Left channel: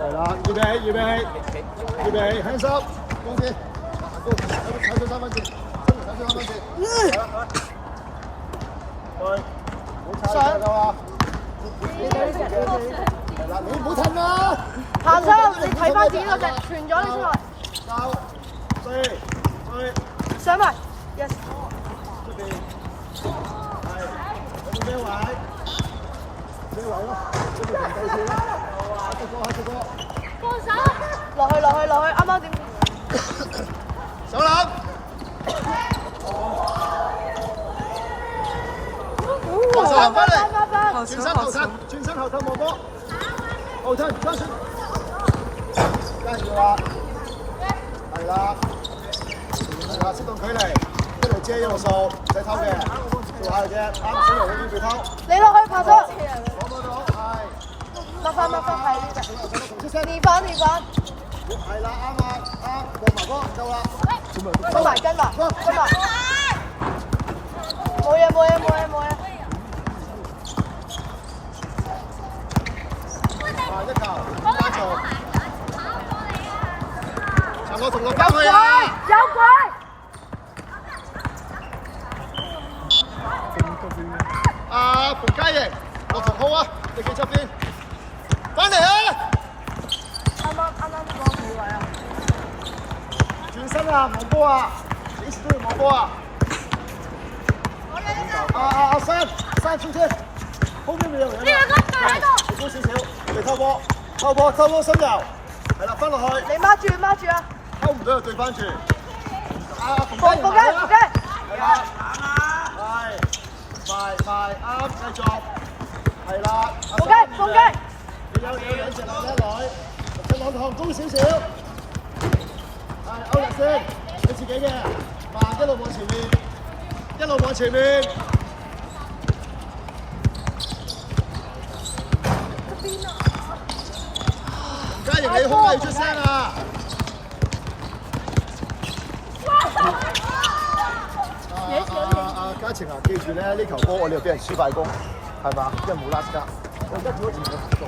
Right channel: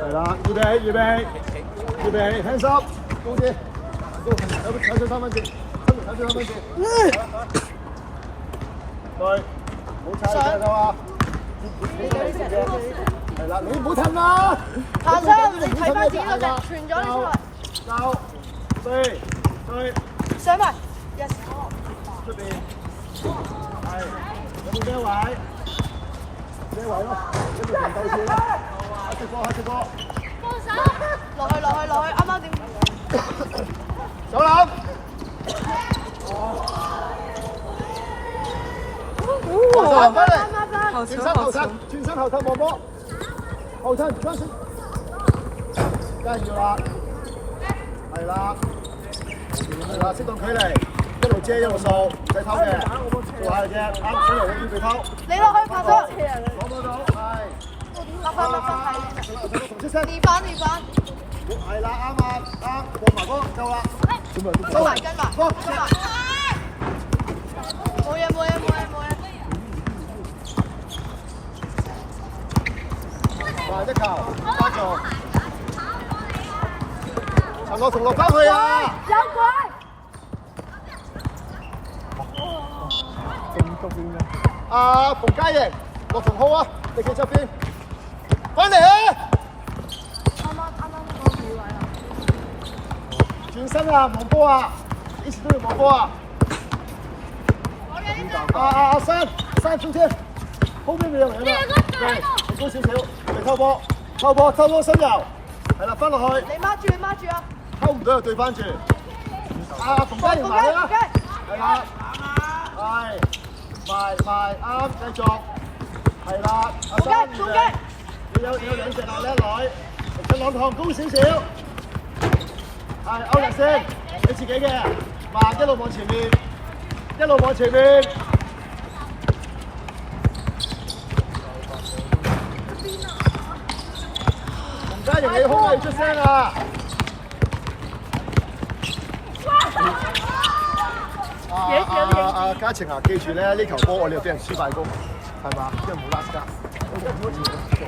係啦，預備起，預備起，預備起 ，hands up， 高啲，睇咗3分鐘，真係睇咗3分鐘。對，唔好踩住㗎嘛。係啦，你唔好褪啦。下身你睇翻自己個腳，傳咗你先話。交，對，對。上埋 ，yes。出邊，係，有冇咩位？咩位咯？呢個平鬥跳啦。下隻歌，下隻歌。落去，啱啱點？手攬。好球，好球！轉身後退望波，後退將身，跟住啦，係啦，係啦，適當距離，一路遮一路掃，唔使偷嘅，做下嘅啫，啱手由嗰邊做偷。你落去拍咗。攞到，落翻，同出聲。二防，係啦，啱啊，啱，過埋波夠啦。跟埋，冇嘢。同落翻去啊！有鬼！阿馮嘉瑩，落同好啊！你企側邊，翻嚟啊！啱冇位啊！轉身啊，望波啊！幾時都要望波啊！我哋呢度。阿山轉車，高邊未有人啊！高少少，嚟偷波深油，係啦，翻落去。你孖住啊！溝唔到就對翻住。馮嘉瑩係啦，快，啱，繼續，係啦。馮嘉，你有兩隻牛咧女，隻兩項高少少。係歐力先，你自己嘅，慢一路往前面，嘉瑩你空位出聲啊！嘉晴啊，記住咧，呢球波我哋又俾人黐快攻，係嘛？因為冇拉斯加，我覺得好似我唔做，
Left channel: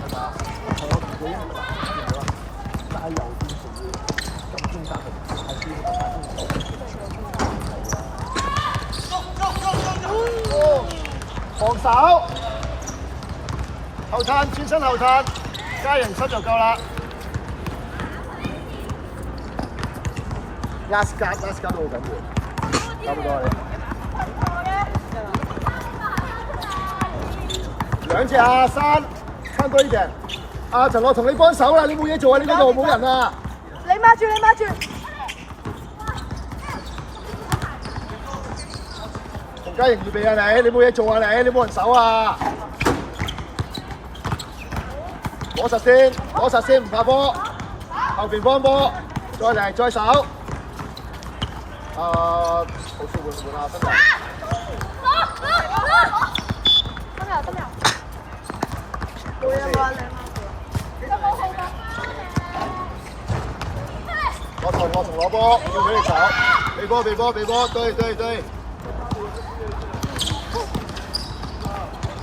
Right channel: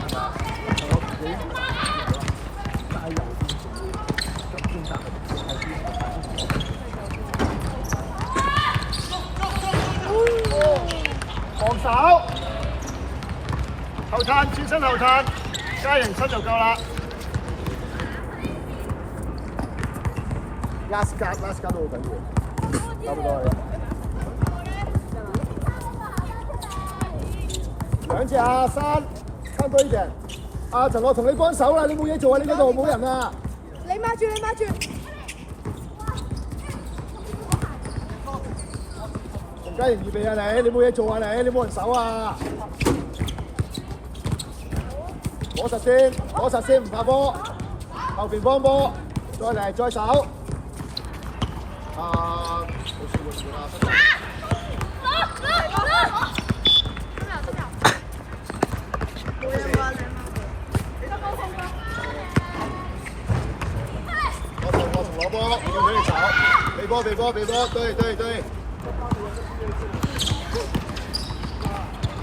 係嘛？係我自己加油邊做，咁先得後邊防守，後撐轉身後撐，嘉瑩出就夠啦。拉斯加都好緊要，差唔多你。兩隻阿山，參多呢隻。阿陳樂同你幫手啦，你冇嘢做啊！你呢度冇人啊。你孖住。洪嘉瑩預備啊你冇嘢做啊你冇人手啊。攞實先，唔怕波。後邊幫波，再嚟再手。好舒服啦，得啦。冇嘢冇啊，我同攞波，你手，俾波，對。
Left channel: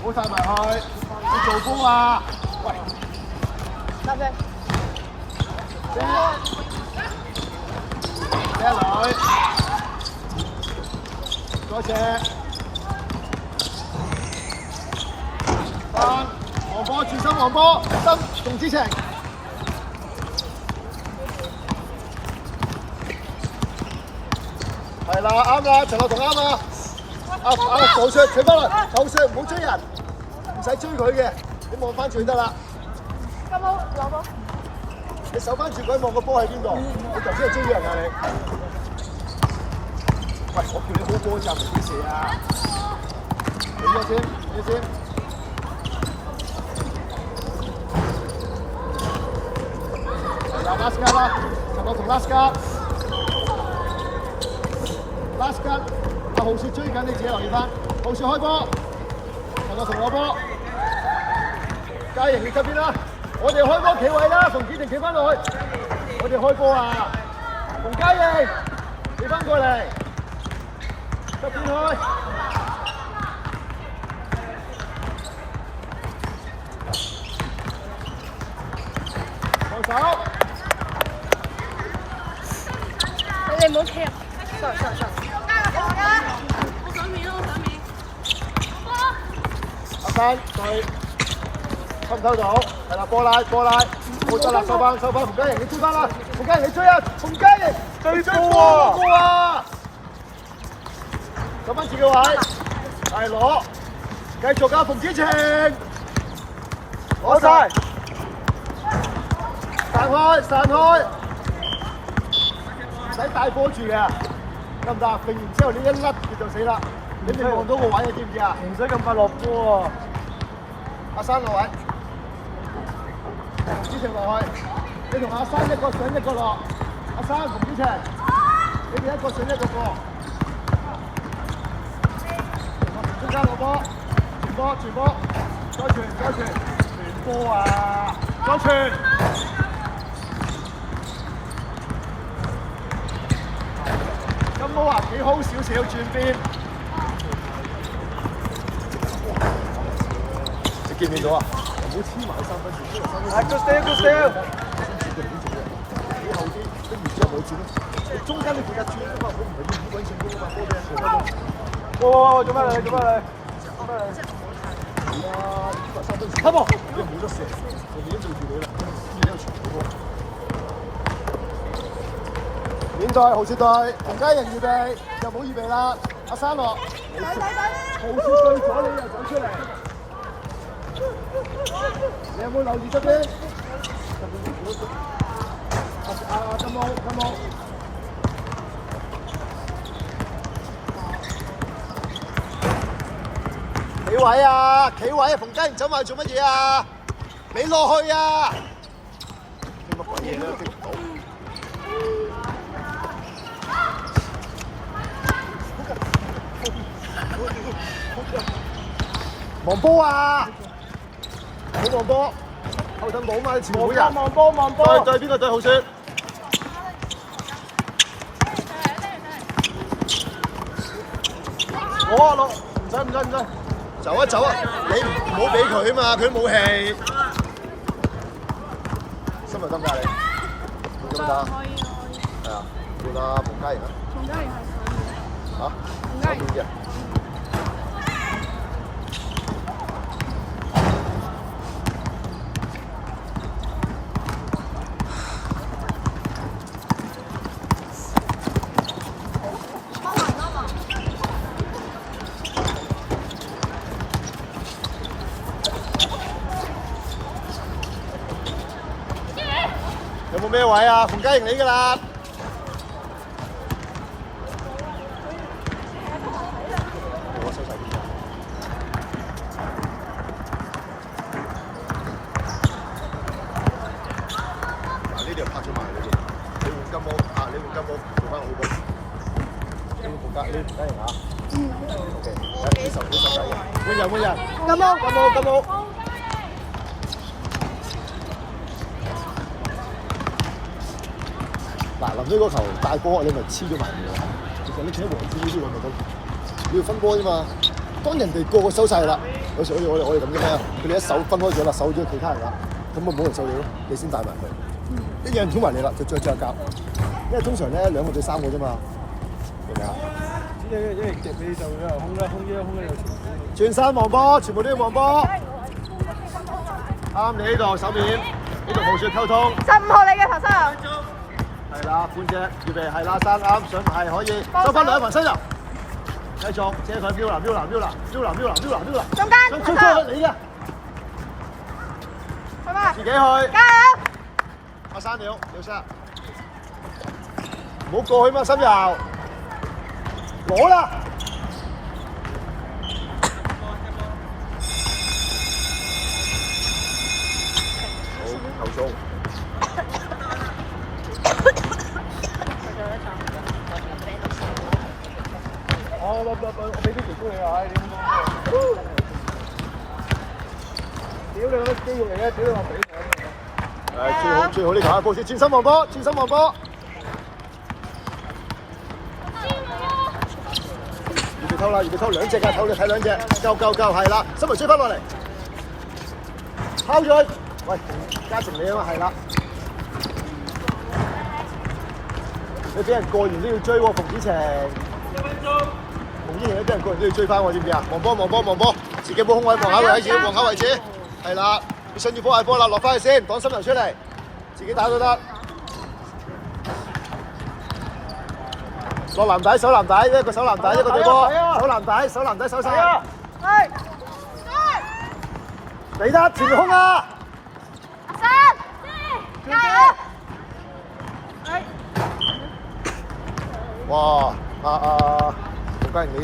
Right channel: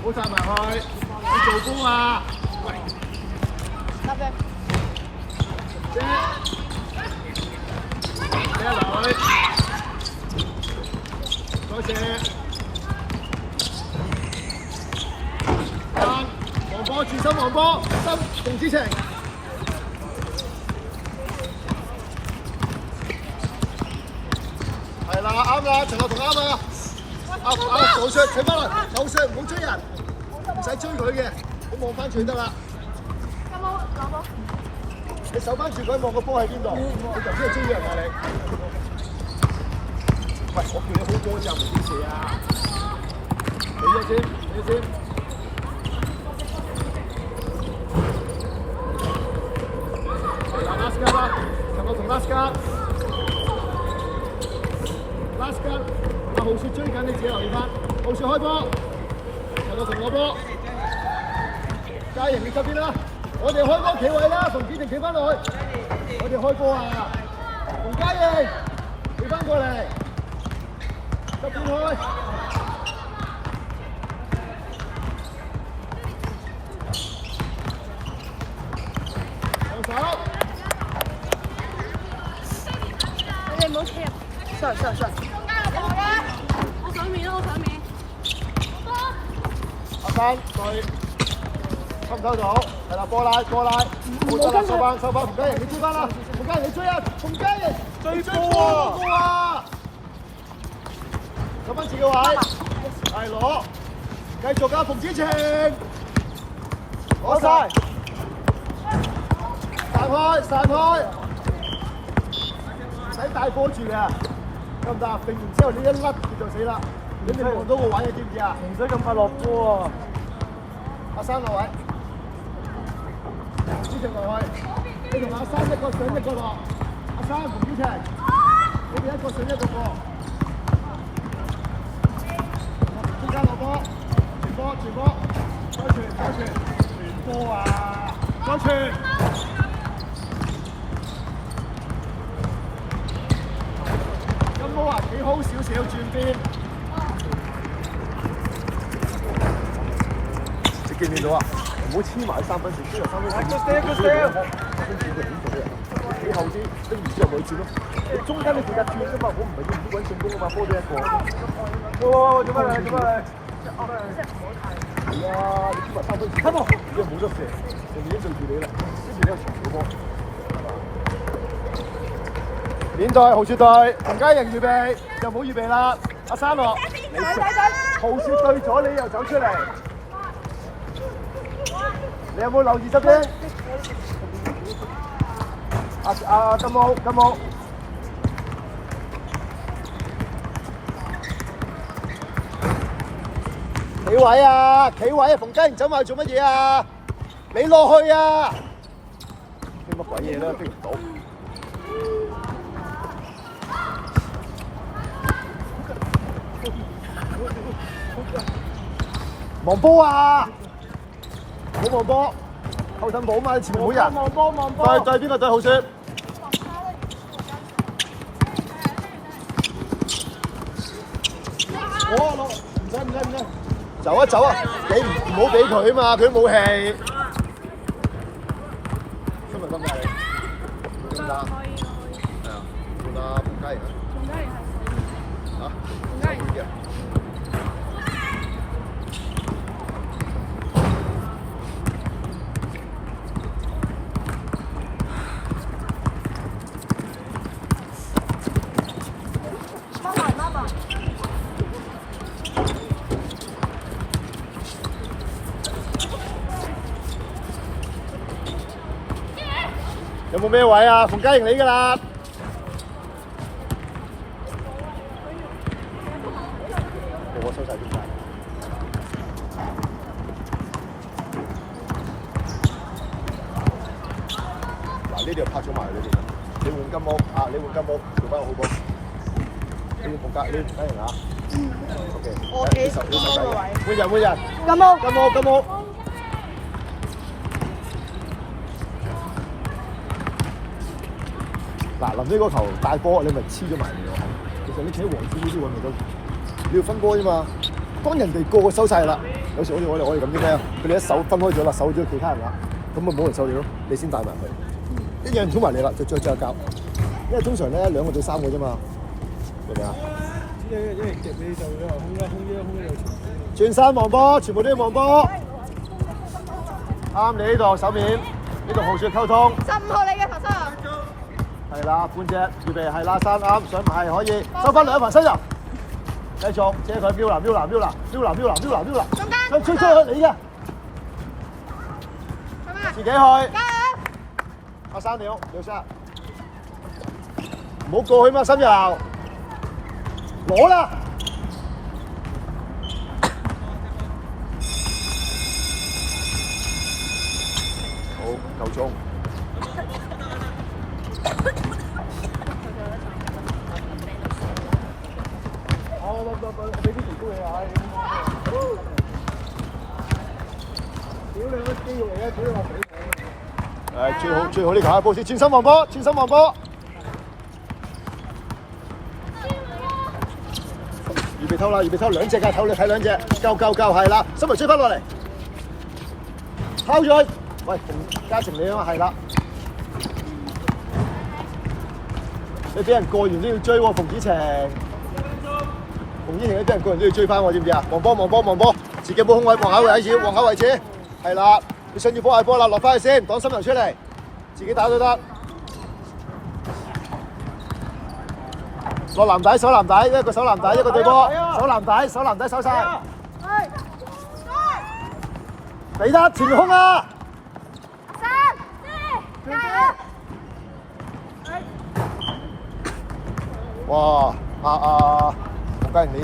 唔好曬埋去，你做波啊！喂，得嘅。女，多謝。黃波轉身，黃波心動之情。係啦，啱啦，陳樂同啱啦。倒射，企翻落，倒射唔好追人，唔使追佢嘅，你望翻住得啦。有冇攞波？你守翻住佢，望個波喺邊度？你頭先係追人啊你？喂，我見你好波又唔幾時啊？俾咗先。係啦 ，last guard 啦，陳樂同 last guard。last guard，阿浩雪追緊，你自己留意翻。浩雪開波，陳樂同攞波。嘉瑩你側邊啦。我哋開波企位啦，馮子定企翻落去。我哋開波啊！馮嘉瑩，企翻過嚟，側邊開。防守。你唔好跳。上。加個防啦！我上面。阿山佢收唔收到？係啦，過嚟，冇錯啦，收翻，馮嘉瑩你追翻啦，馮嘉瑩你追啊，馮嘉瑩追波啊！攞翻自己位，係攞，繼續啊，馮子晴，攞晒，散開，唔使大波住嘅，得唔得？揈完之後你一甩佢就死啦，你哋望到個位你知唔知啊？唔使咁快落波喎，阿生落位，子晴落去，你同阿生一個上一個落，阿生同子晴，你哋一個上一個過。中間落波，傳波，再傳，傳波啊！再傳，金毛啊，幾好少少轉邊，你見唔見到啊？唔好黐埋3分線，你後啲跟完之後佢轉咯，你中間你負責轉㗎嘛，我唔係要本成功㗎嘛，波俾一個。做乜嚟？Come on！你冇咗事，我已經做住你啦，而家傳波。現在豪雪隊，馮嘉瑩預備，又冇預備啦。阿三樂，豪雪對咗你又走出嚟，你有冇留意側邊？阿金毛。企位啊！馮嘉瑩走埋做乜嘢啊？你落去啊！啲乜鬼嘢咧？飛唔到。望波啊！冇望波，後陣冇嘛？前冇人。望波。對邊個對豪雪？我落，唔使。走啊！你唔好俾佢啊嘛，佢都冇氣。新聞得唔得你？得唔得？係啊，換阿馮嘉瑩啊。嚇？邊隻？有冇咩位啊？馮嘉瑩你㗎啦！我收晒邊個？嗱，呢條拍咗埋呢條，你換金毛啊！你換金毛，做翻好波。你馮嘉瑩啊？OK， 10手啊！每人。金毛。嗱，臨呢個球大波，你咪黐咗埋嚟喎。其實你企喺黃子呢啲位咪得，你要分波啫嘛。當人哋個個收晒啦，有時好似我哋咁啫咩？佢哋一手分開咗啦，守咗其他人啦，咁咪冇人收你咯，你先帶埋佢。一有人衝埋你啦，就再交。因為通常咧2個對3個啫嘛，明唔明啊？因為夾你就空一又轉身望波，全部都要望波。啱你呢度手面，呢度好少溝通。15號你嘅頭身。係啦，半隻預備係啦，三啱上埋可以收翻2排新人，繼續借佢瞄啦，中間，出你嘅，自己去，加油！我3秒，廖生，唔好過去嘛，新油，攞啦！好衝！最好你卡波先，轉身望波，預備偷2隻啊，偷你睇2隻，夠係啦，新圍追翻落嚟，拋咗去，喂，嘉誠你啊嘛，係啦，你俾人過完都要追喎，馮子晴。馮子晴你俾人過完都要追翻喎，知唔知啊？望波，自己冇空位，望口位置，係啦，你想要波係波啦，落翻去先，擋心流出嚟，自己打都得。手籃底，一個手籃底，一個對波，手籃底，手殺。俾得前面空啊！加油！哇！我發現你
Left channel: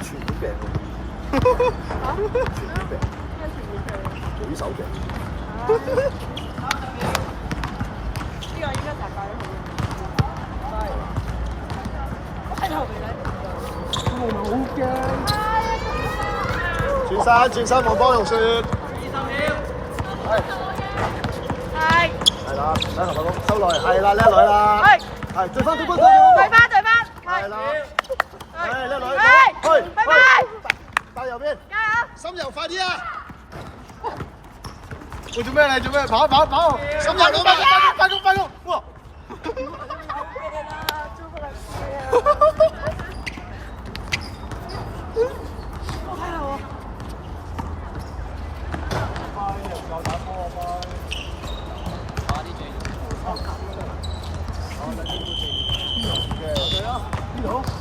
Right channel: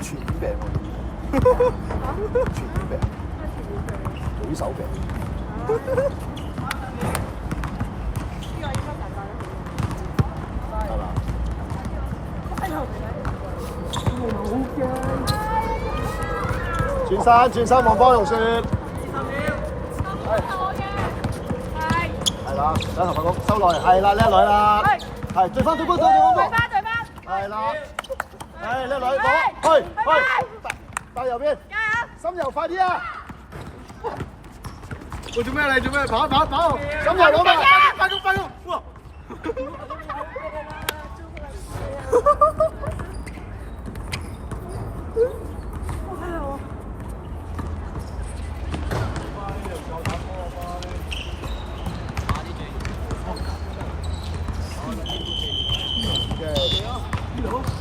傳染病，舉手病。轉身望波路線。收落嚟，係啦，叻女啦，係對翻，係啦，係叻女，拜拜，加油邊，心柔快啲啊！喂，做咩跑？心柔攞埋，快攻，哇！